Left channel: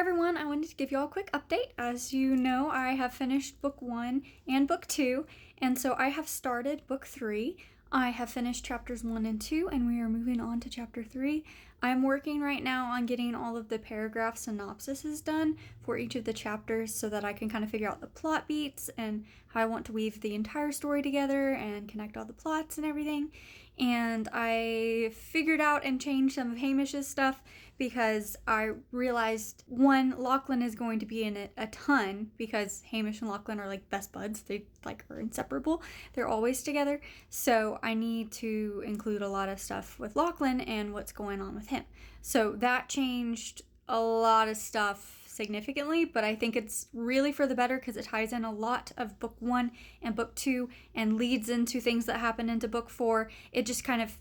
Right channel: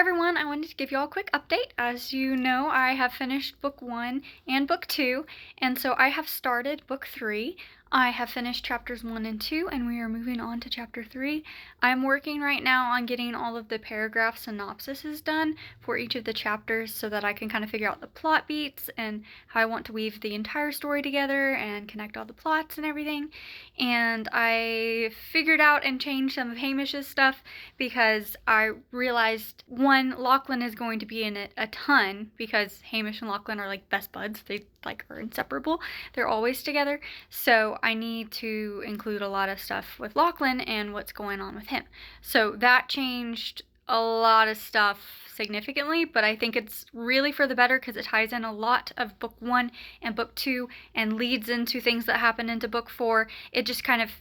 everyone, I wanted to give you all a quick update. As you know, I have finished book 1 and book 2, and so I have started book 3. I have finished chapters 1 and 2, and we are moving on to chapter 3. I'm working right now on getting all of the paragraph synopsises done for each of the chapters so that I can kind of figure out the plot beats and how I want to weave the entire story together and connect all the plots and everything. And I figured out and changed some of Hamish's stuff because I realized, one, Lachlan is going to be in it a ton because Hamish and Lachlan are like best buds. They are inseparable. They're always together. So I need to include a lot of stuff with Lachlan and what's going on with him. So that changed a lot of stuff significantly, but I think it's really for the better because it ties in a lot of book 1 and book 2 and leads into things that happen into book 4. It just kind of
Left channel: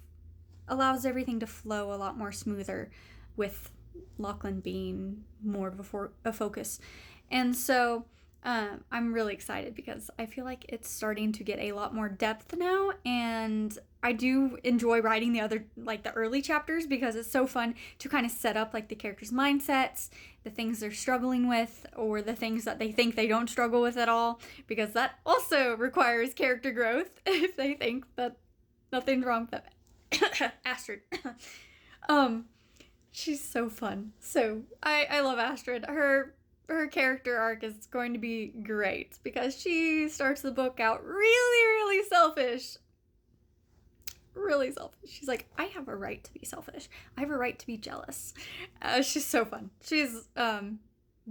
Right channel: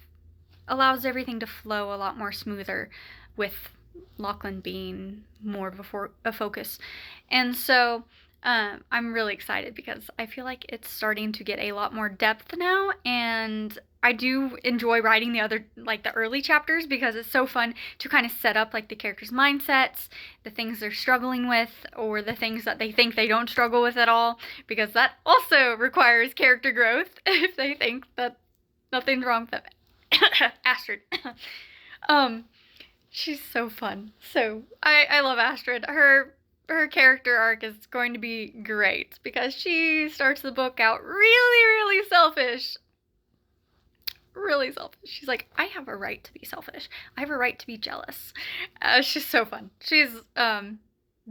allows everything to flow a lot more smoother with Lachlan being more of a focus. And so I'm really excited because I feel like it's starting to get a lot more depth now, and I do enjoy writing the early chapters because it's so fun to kind of set up the characters' mindsets, the things they're struggling with, or the things that they think they don't struggle with at all, because that also requires character growth if they think that nothing's wrong with them. Astrid. She's so fun. So I love Astrid. Her character arc is going to be great because she starts the book out really selfish. Really selfish. She's like, I have a right to be selfish. I have a right to be jealous. She's so fun. She's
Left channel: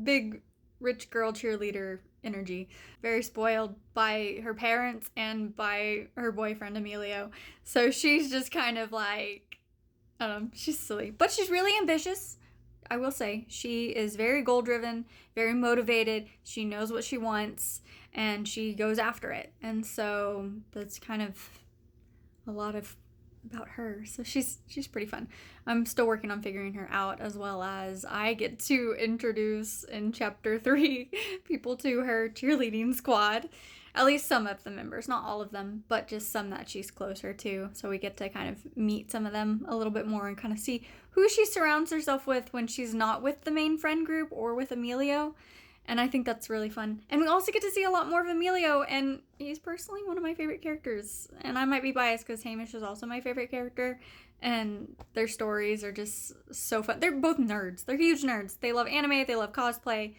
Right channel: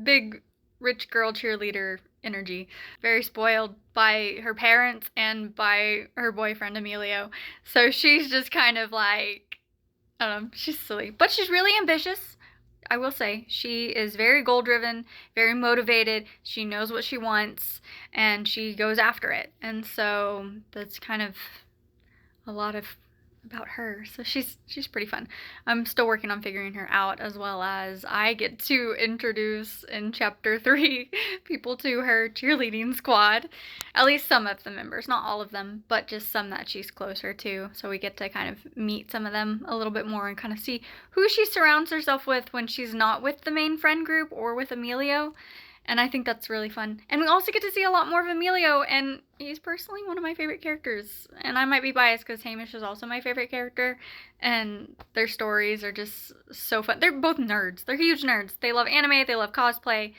big rich girl cheerleader energy. Very spoiled by her parents and by her boyfriend Emilio. So she's just kind of like, I don't know, she's silly. But she's really ambitious. I will say, she is very goal-driven, very motivated, she knows what she wants, and she goes after it. And so that's kind of a lot about her. So she's pretty fun. I'm still working on figuring her out, as well as I get to introduce in chapter 3 people to her cheerleading squad. At least some of the members, not all of them, but just some that she's closer to. So we get to kind of meet some of them a little bit more and kind of see who she surrounds herself with when she's not with the main friend group or with Emilio. And I think that's really fun. And we also get to see a lot more of Emilio, and he's personally one of my favorite characters. And I might be biased because Hamish is also my favorite character, and their stories are just so fun. They're both nerds. They're huge nerds. They love anime, they love cosplay.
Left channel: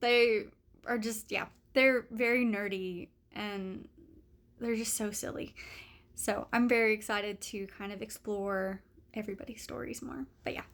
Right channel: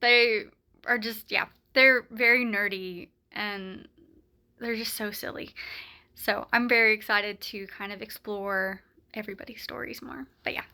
They are just, yeah, they're very nerdy, and they're just so silly. So I'm very excited to kind of explore everybody's stories more. But yeah,